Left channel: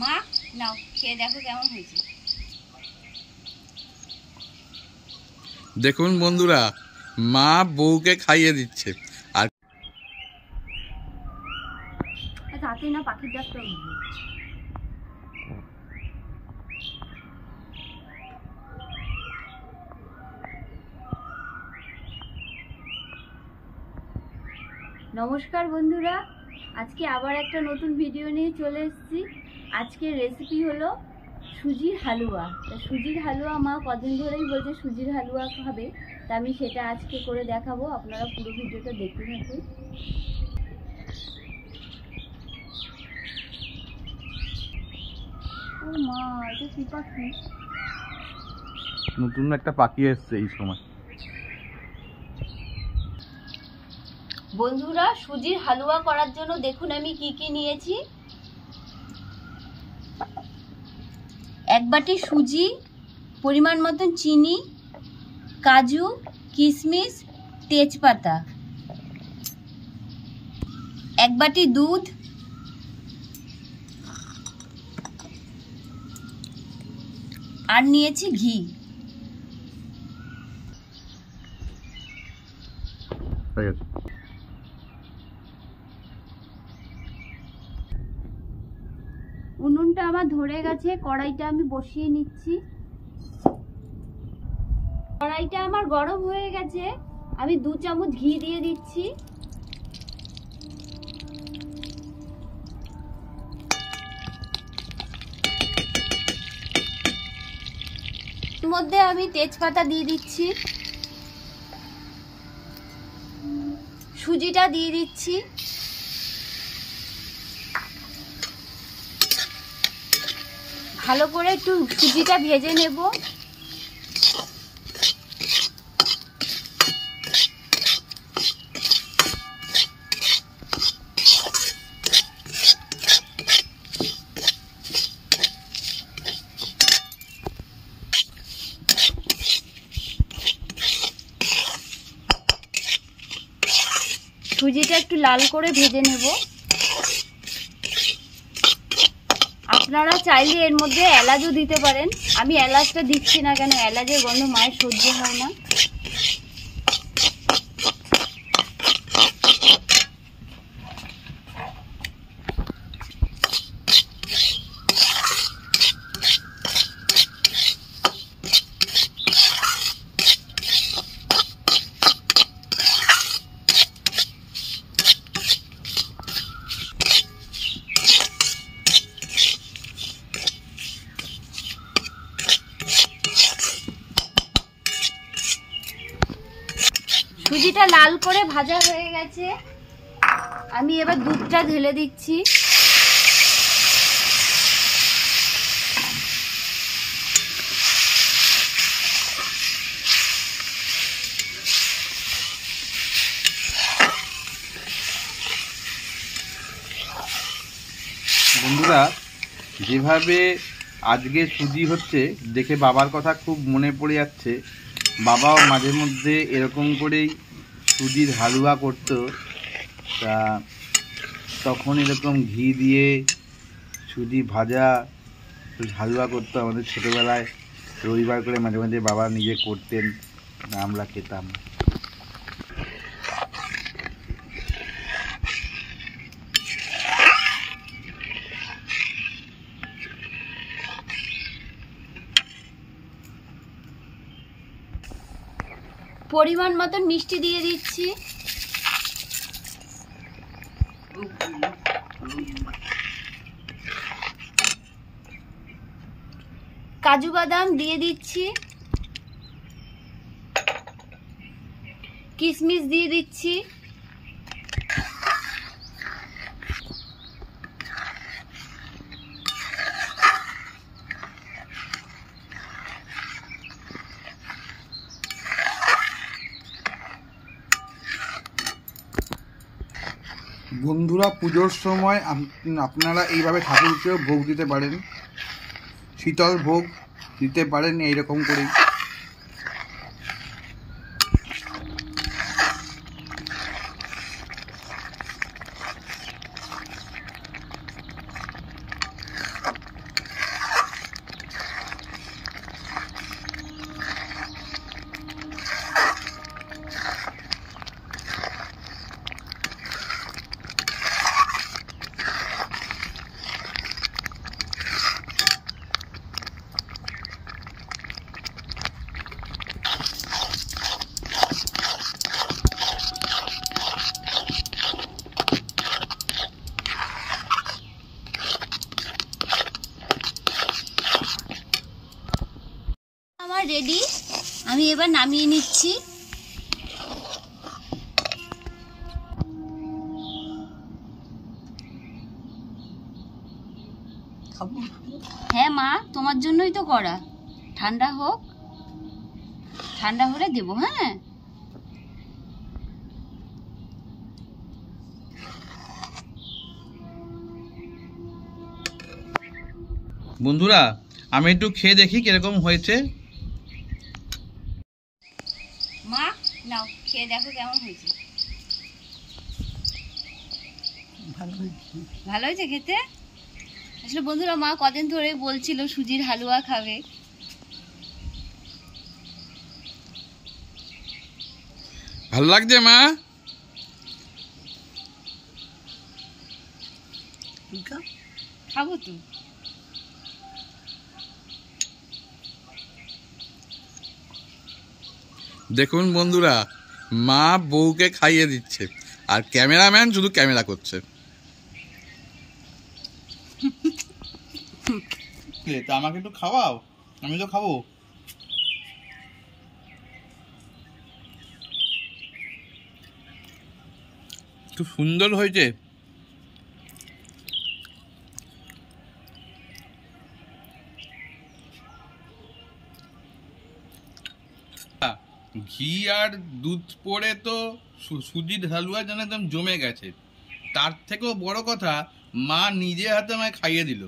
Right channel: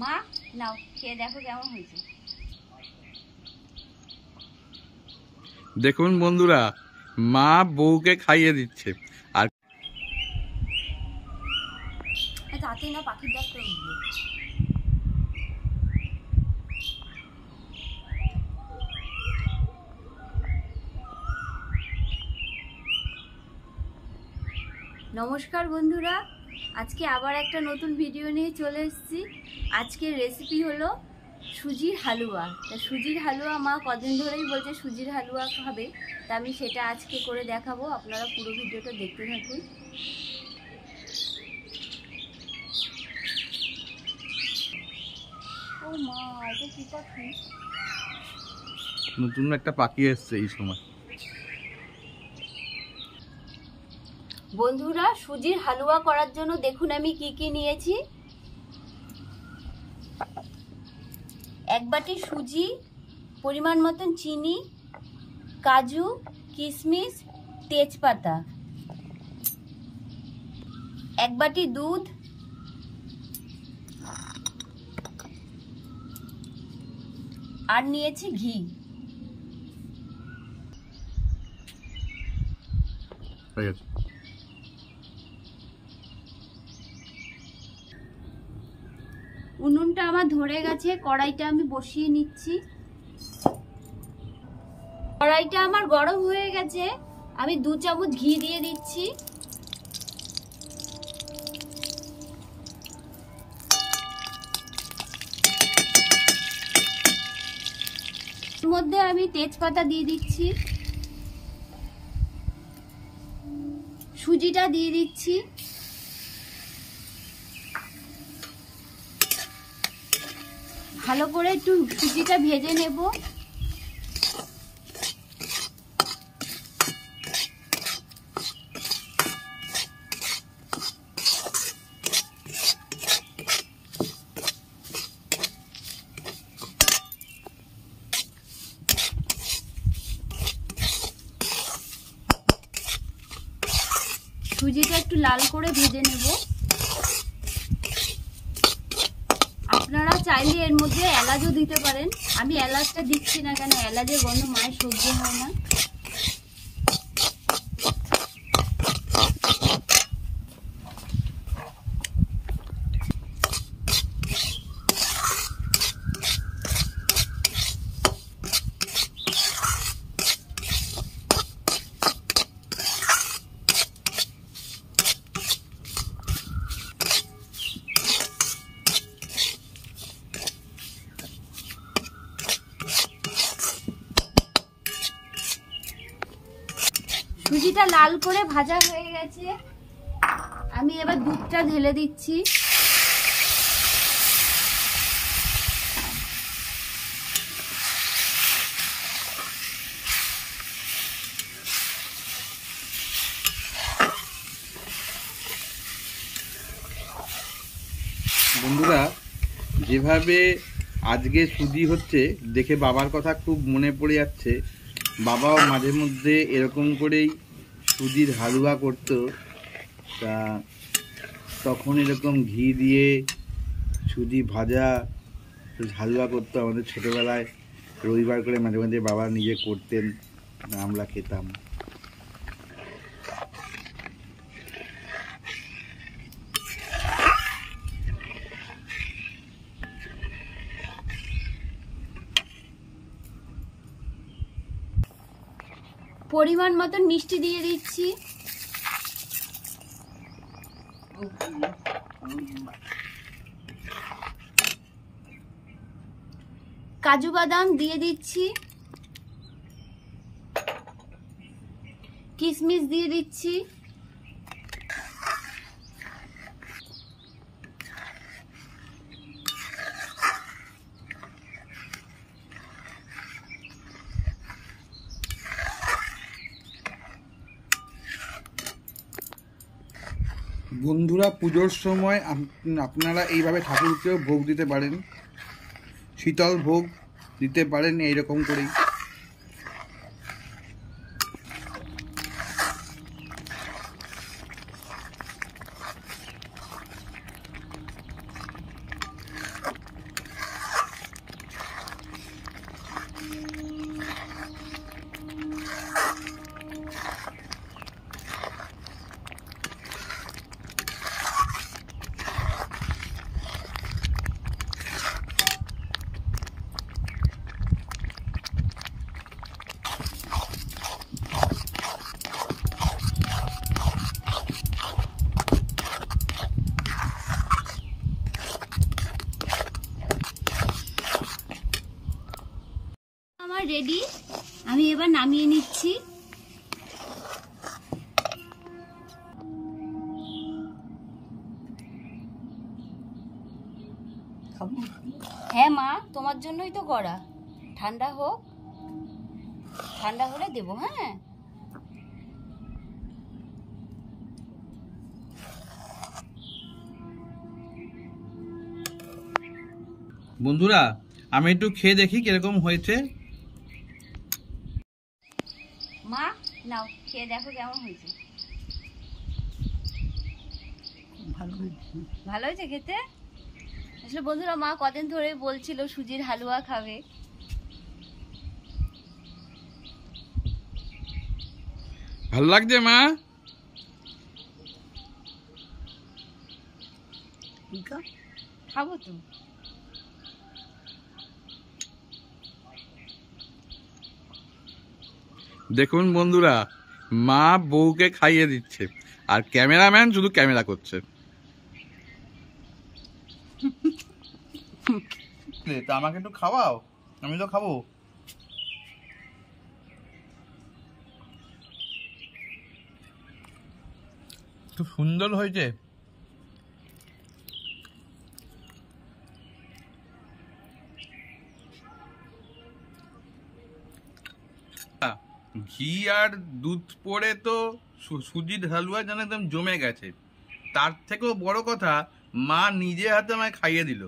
মা নাও খেয়ে দেখো কেমন হয়েছে। দেখুন বন্ধুরা, মা বউকে খাইয়ে দিচ্ছে। আর তাতেই না পাখির ডাকটা উঠবে। নমস্কার বন্ধুরা, আজকে আবার একটা নতুন ভিডিও নিয়ে চলে এসেছি। আজকের রেসিপি হলো সুজির হালুয়া। তা সুজির হালুয়া মা কদিন ধরেই বলছে সুজির হালুয়া খাবে, তা আমি সেটা আজকে করে দেখাবো। আপনারা পুরো ভিডিওটা দেখতে থাকুন। ও মা, এটা কি পাখি? নতুন একটা পাখি এসছে এই সময়। বন্ধুরা, সুজির হালুয়া করার জন্য দেখুন আমি কি কি নিয়েছি। এক বাটি সুজি, পরিমাণ মতন চিনি, কাজু, কিশমিশ, তেজপাতা, এক বাটি দুধ, আর নিয়েছি ঘি। হয়ে গেছে। উনুনটা আমার ধরে গেছে, কড়াইটা আমি বসিয়ে নিচ্ছি। কড়াইটা আমার গরম হয়ে গেছে, আমি 2 চামচ ঘি দিয়ে দিচ্ছি। এর মধ্যে আমি তেজপাতা দিয়ে দিচ্ছি, সুজিটা দিয়ে দিচ্ছি, ভালো করে একটু সুজিটা ভেজে নেব। সুজিটা একটু লাল করে ভেজে নেব। আপনারা চাইলে এর মধ্যে এলাচও দিতে পারেন, আমি এলাচটা দিচ্ছি না, কেন এলাচের গন্ধ মায়ের সহ্য হয় না। সুজিটা লাল করে ভাজা হয়ে গেছে, আমি এবার দুধটা ঢেলে দিচ্ছি। বন্ধুরা, যেভাবে আজকে সুজি হচ্ছে দেখে বাবার কথা খুব মনে পড়ে যাচ্ছে। বাবাও মাঝে মধ্যে এরকম করেই সুজির হালুয়া করতো। তা তখন এরকম ঘি দিয়ে সুজি ভাজা হালুয়া করতো আমাদের ছোটোবেলায়। রবিবার করে মাঝে মাঝে বাবা নিজে করতেন, আমরা খেতাম। পরিমাণ মতন মিষ্টি দিয়ে দিচ্ছি, কাজু বাদাম দিয়ে দিচ্ছি, কিশমিশ দিয়ে দিচ্ছি, বন্ধুরা, পুজোর সময় আপনারা এইভাবে ঠাকুরকেও ভোগ দিতে পারেন, শীতল ভোগ দিতে পারেন এইরকম করেই। রেডি, আমি এবার নামিয়ে নিচ্ছি। হ্যাঁ মা, তোমার জন্যই তো করা। ঠান্ডা হোক, ঠান্ডা হলে দেবো। হ্যাঁ বন্ধুরা, আমি একটু খেয়ে দেখি কিরকম হয়েছে। মা নাও, খেয়ে দেখো কেমন হয়েছে। ভালো হয়েছে খেতে। আসলে বন্ধুরা, মা কদিন ধরে বলছিল সুজির হালুয়া খাবে। ভালো লাগছে মা? খাবো তো। দেখুন বন্ধুরা, মা বউকে খাইয়ে দিচ্ছে আর ক্যামেরাম্যান শুধু ক্যামেরা করছে। তা আমাকে একটু খাওয়াও, আমি তো খাবো। খুব সুন্দর হয়েছে। ঘি আর দুধ পড়ে তো সুজির হালুয়া যেন একদম জমে গেছে। তার থেকেও বড় কথা, মা নিজে হাতে আমায় খাইয়ে দিল।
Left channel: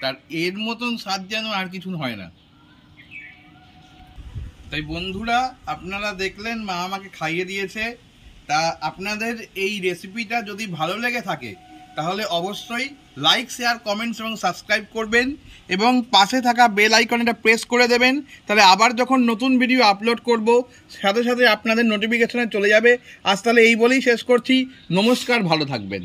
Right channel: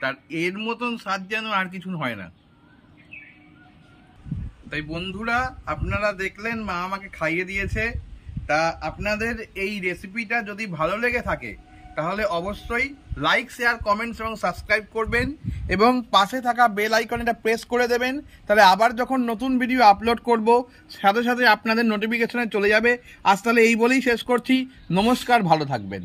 তার এর মতন স্বাদ যেন আর কিছু হয় না। তাই বন্ধুরা, আপনারা দেখলেন মা আমাকে খাইয়ে দিয়েছে। তা আপনাদের এই রেসিপিটা যদি ভালো লেগে থাকে তাহলে অবশ্যই লাইক, শেয়ার, কমেন্টস এবং সাবস্ক্রাইব করবেন এবং পাশে থাকা বেল আইকনটা প্রেস করে দেবেন। তাহলে আবার যখন নতুন ভিডিও আপলোড করব সাথে সাথে আপনাদের নোটিফিকেশনে চলে যাবে। আজ তাহলে এই বলেই শেষ করছি। নমস্কার, ভালো থাকবেন।